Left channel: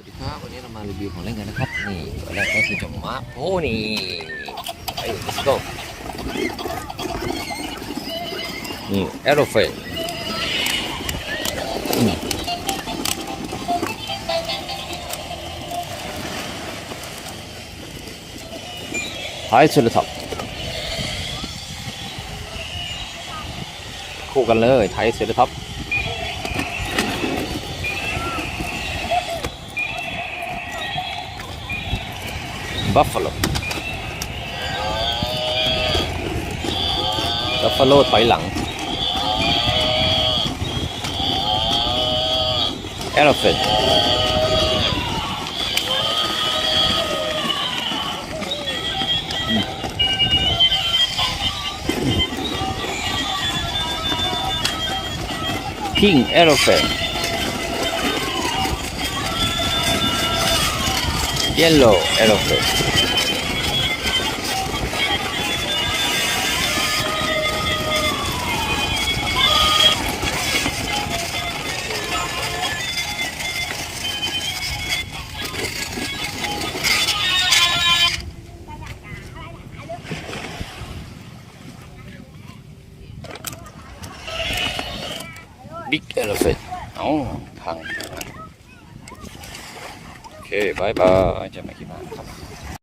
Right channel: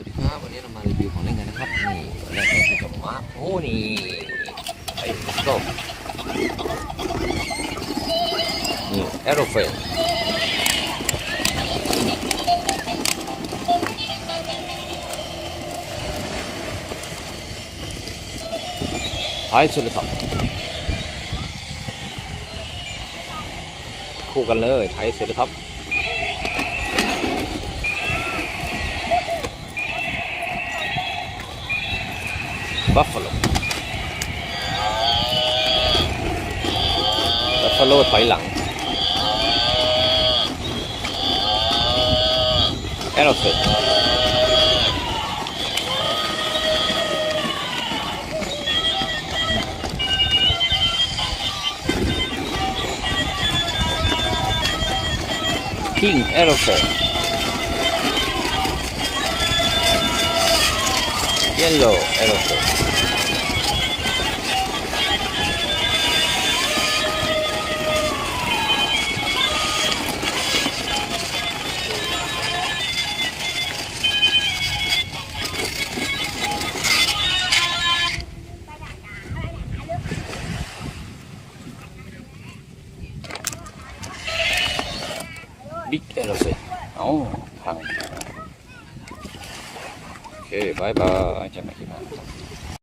สวัสดีครับวันนี้เรามารีวิวของเล่นกันนะครับนี่แรกก็คือจม้าโอ้นี่ไอ้ก็นี่แอโรเฟลไทยเชลท็อปคู่กันเลยไทยเชลท็อปบัฟฟาโลถอยหลังแอโรเฟลคิงแอโรเฟลเยลโล่แอโรเฟลบิ๊กเอลเฟนอ๋อทองโอเคบายบายจะไม่กินน้ำครับ